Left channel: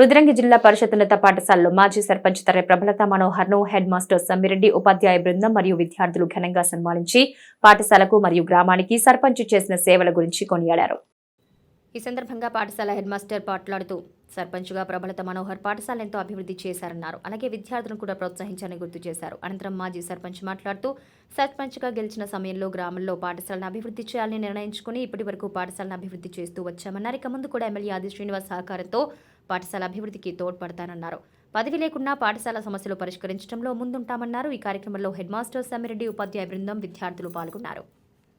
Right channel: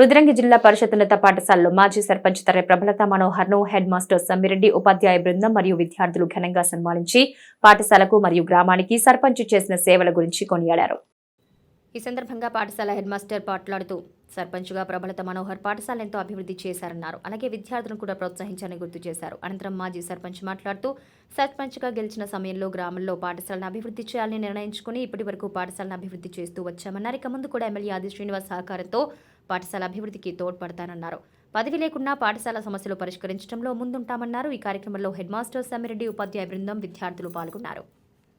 రుద్రంగి జిల్లా పరిషత్ ఉన్నత పాఠశాలలో మాజీ సర్పంచ్ తరే ప్రభలత మనోహర్ను హెడ్ మాస్టర్ సమ్మిరెడ్డి ఉపాధ్యాయ బృందం మరియు విద్యార్థులు ఘనంగా సన్మానించి పాఠశాలకు మరియు గ్రామానికి సర్పంచ్ చేసిన సేవల గురించి కొనియాడారు. ఈ సందర్భంగా పాఠశాల హెడ్ మాస్టర్ మాట్లాడుతూ సర్పంచ్గా ప్రభలత మనోహర్ పాఠశాల ఎంతో అభివృద్ధి చేశారన్నారు. అలాగే విద్యార్థులను కూడా ప్రోత్సహించాలని గుర్తు చేశారు. అనంతరం మాజీ సర్పంచ్ మాట్లాడుతూ సర్పంచ్గా గెలిచిన సమయంలో గ్రామంలో పాఠశాలను అభివృద్ధి చేయాలని నిర్ణయించుకుని ఇప్పటి వరకు పాఠశాలను అభివృద్ధి చేస్తూ వచ్చామన్నారు. ఇక ముందు కూడా ఎమ్మెల్యే ఆది శ్రీనివాస్ సహకారంతో పాఠశాల అభివృద్ధికి తోడ్పడతానన్నారు. పదవి లేకున్నా పాఠశాల సమస్యలు పరిష్కరించడంలో ముందుంటామన్నారు. ఈ కార్యక్రమంలో హెడ్ మాస్టర్ సమ్మిరెడ్డి ఉపాధ్యాయ బృందం విద్యార్థులు పాల్గొన్నారు.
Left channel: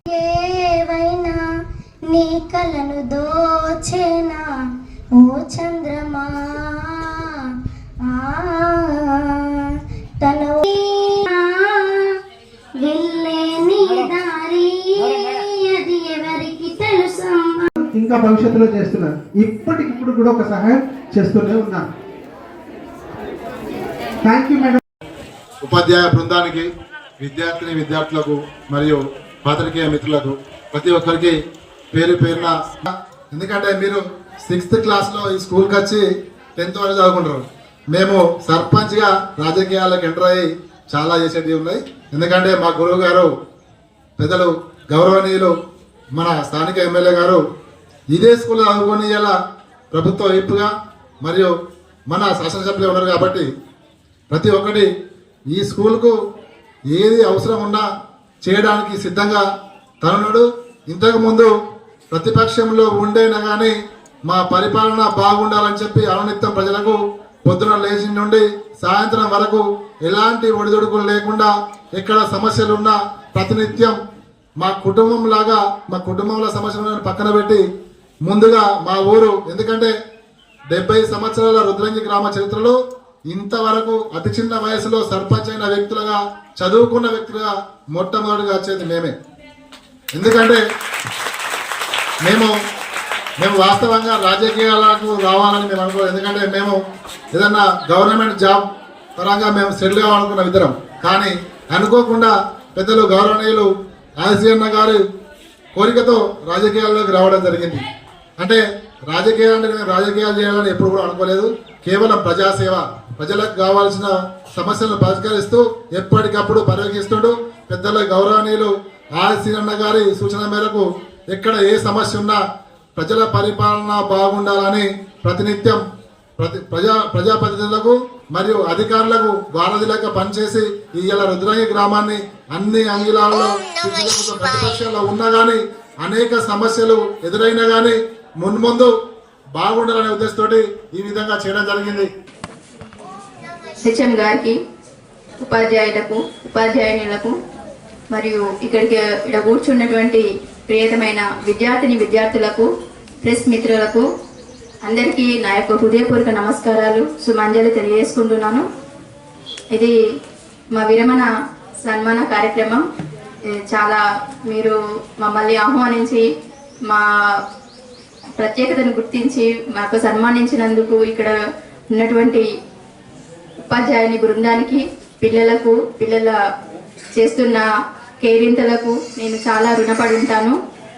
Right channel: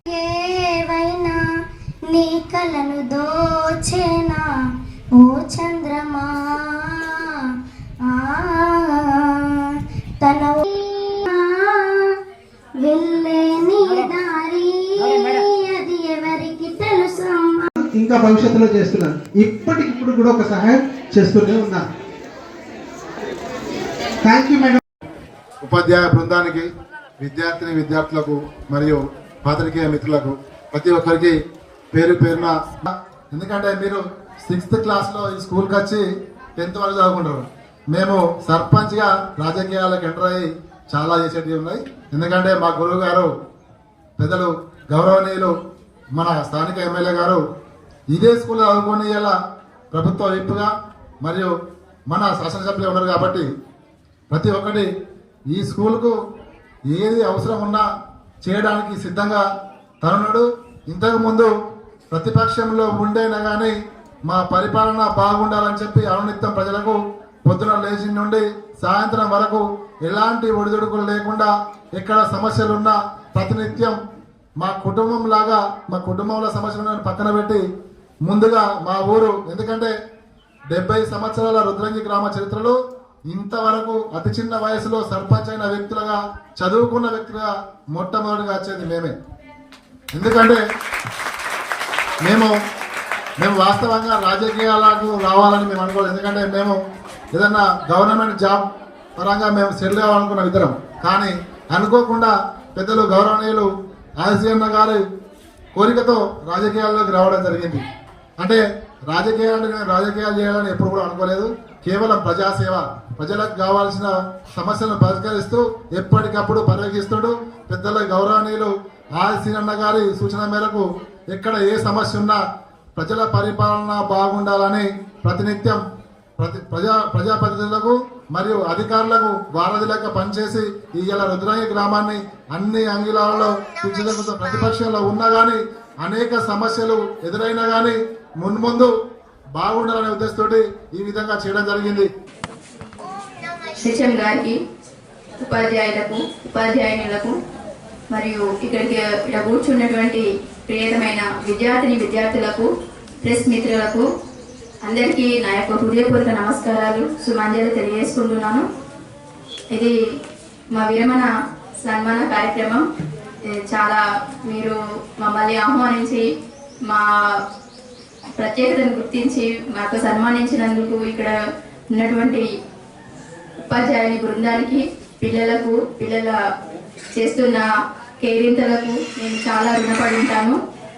ఏవైనా నీ కలను దోచేనా? ఓ చంద్రమా ఇంకా భవిష్యత్తులో చేస్తున్నాను ఇప్పటికిప్పుడు కూడా ఒక సహాయం చేస్తూనే ఉన్నాను థ్యాంక్ యూ మేడం ఉపాధ్యాయ బృందానికి విద్యార్థిని విద్యార్థులకు మరియు పాత్రికేయ మిత్రులకు ప్రతి ఒక్కరికి పేరు పేరున ఎందుకంటే మీరు సిక్స్త్ క్లాస్లో ఈ స్కూల్కి వచ్చి టెన్త్ వరకు చదువుకుంటారు. మేము సర్పంచ్గా రాజకీయాలకు ఎంటర్ అయ్యి చాలా చేసేటివి ఉన్నాయి. ఎందుకంటే మా గురువు గారు పెద్దలు గౌరవనీయులు మన స్థానిక ఎమ్మెల్యే గారు ఇదే స్కూల్లో చదువుకొని ఇలా ప్రభుత్వ వైపుగా మరియు మన శాసనసభ్యులు ఉన్నారు కాబట్టి ప్రతి ఒక్కటి ఈ స్కూల్కు ఏది అవసరం ఉన్నా చేయడానికి సిద్ధంగా తనున్నాడు. ఇంతకుముందు ప్రతిపక్షంలో ఉండేనా కానీ మా పరిపాలన బాగుండాలని చెప్పి అనునిత్యం ప్రజలకు పొద్దున లేచి నుండి సాయంత్రం వరకు ఎలాంటి ఒడిదుడుకులు లేకుండా ఎక్కడ సమస్యలు ఉన్నా ప్రతినిత్యం మా కుటుంబం లాగా మా కుటుంబంలో సమస్యలు పక్కన పెట్టి ముందుగా మా ఊరు ఎందుకంటే డెబ్బై సంవత్సరాల రుద్రంగి గ్రామ చరిత్రలో ఇంతవరకు అతి చిన్న వయసులో సర్పంచ్ అయిన వ్యక్తులుగా చదువుకున్న వ్యక్తులుగా మొట్టమొదటిగా వచ్చేది మేమే. ఎందుకంటే మేము మేము వాస్తవంగా రాజకీయాలకు రావాలని మేము అనుకోవాలి ఎందుకంటే మేము ఏదన్నా గవర్నమెంట్ జాబ్ పరంగా మేము సెటిల్ కావాలనుకున్న ఇద్దరం. కానీ అనుకోకుండా పెద్దలు గౌరవనీయులు ఆసియన్న గారి కోరికతో రాజకీయాల్లోకి రావడం జరిగింది. అంటే రాజకీయాలు రాజకీయాలు చేయాలని ఎప్పుడు కూడా అనుకోలేదు. కేవలం ప్రజాసేవ. ప్రజలకు కావాల్సిన సమస్యలను పరిష్కరిస్తూ ఎప్పటికప్పుడు పర్యవేక్షిస్తుడు పెద్దల గౌరవనీయులు ఆర్సీనన్న గారి సూచన మేరకు ఎక్కడ ఏ సమస్య ఉన్నా ప్రజల పరిపాలన బాగుండాలని ప్రతినిత్యం ప్రతి ప్రజా ప్రజాప్రతినిధులకు మరియు అధికారులకు వారధిలాగా పనిచేసి ఇవాళ రుద్రాంగి గ్రామాన్ని అన్ని అంగిలాలలో ప్రతిపక్షంలో ఉన్నా కానీ అనేక సమస్యలు ఎదురైనా కానీ మున్ముందు బాగుండాలనే ఉద్దేశంతో ఈ విధంగా చేయడం జరిగింది. శిక్షణ్ గారికి ఉపాధ్యాయులకు ఉపాధ్యాయునులకు మరియు ఇక్కడికి ఇక్కడ కూర్చున్నటువంటి ప్రియతమైన విద్యార్థిని విద్యార్థులకు ప్రెస్ మిత్రులకు అందరికీ నా యొక్క హృదయపూర్వక నమస్కారాలు సుమంజలి తెలియజేసుకుంటున్నాను. ఇది మా విరమణ సన్మాన కార్యక్రమం. చాలా మీరు మమ్మల్ని ఆహ్వానించి మా ప్రత్యేకతను గుర్తించి మాకు సన్మానించినందుకు ఇక్కడ ఉన్నటువంటి ఉపాధ్యాయుని బృందానికి పిల్లలకు పిల్లల చేస్తున్న కేరింతలకు నేను చాలా రుణపడి ఉంటాను.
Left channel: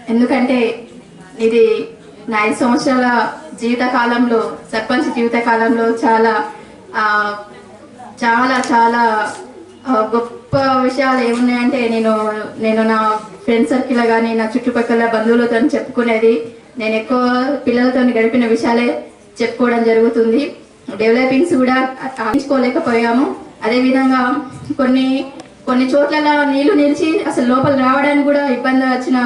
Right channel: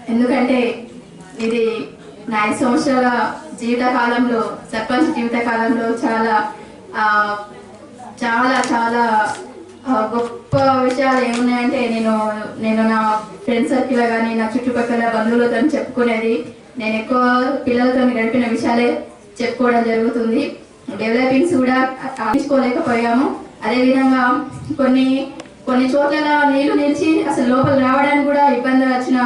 ఎందుకంటే ఇది నా ఐదు సంవత్సరాల జీవితకాలంలో సర్పంచ్ జీవితకాలంలో చాలా చాలా చాలా గొప్ప విషయాలు ఏమున్నాయంటే నేను నేను నా ఫ్రెండ్ సర్కిల్ కానీ నా చుట్టుపక్కల బంధువులతో చెప్పుకునేది నేను ఎక్కువ పిల్లలతో గడిపిన విషయాలే చెప్పుకోవడం జరుగుతుంది. డెవలపింగ్స్ కూడా ఆశించుకోలేకపోయాము అదేవిధంగా కొన్ని కొన్ని చోట్ల నీళ్ళు నిలిచి అసలు లోపల రావడానికి కూడా ఇబ్బంది వచ్చిన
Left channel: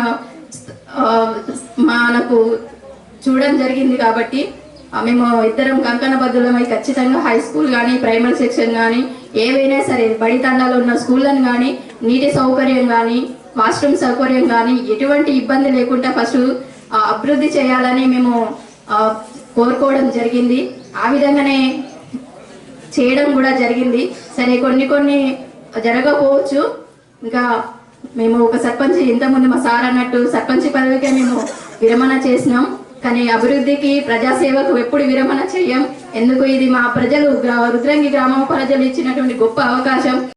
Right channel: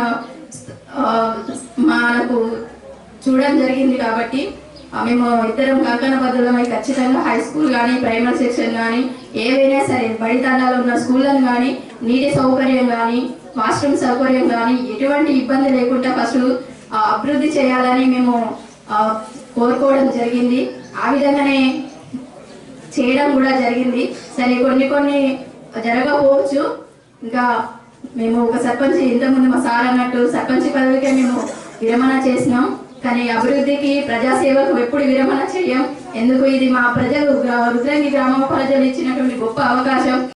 మనకు చూడడం జరిగింది కాబట్టి మేము ఇద్దరం కంకణ బద్దులమై ఖచ్చితంగా హై స్కూల్ కానీ ప్రైమరీ సెక్షన్ కానీ ఏవైనా సరే బడి తండాలో ఉన్న స్కూళ్ళను కానీ నీటి సౌకర్యం కానీ వాష్రూమ్ సౌకర్యం కానీ ఎటువంటి ఇబ్బంది లేకుండా ఫస్ట్ అభివృద్ధి చేయాలని మేము కోరుకోవడం జరిగింది. ఆ విధంగానే చేయడం కూడా జరిగింది. సరే కొన్ని కొన్ని జరగకపోవచ్చు. ఇంకా మేము ఒక సర్పంచ్ ఇంతకుముందు మా సార్ అన్నట్టు సర్పంచ్ పదవికే మేము విరమణ చేసినాం. కానీ అభివృద్ధికి ప్రజాసేవకు ఎప్పుడు విరమణ చేయం. ఎందుకు? ఇది మా ప్రజలు రుద్రంగి గ్రామం ప్రజలు ఇచ్చినటువంటి గొప్ప అవకాశం.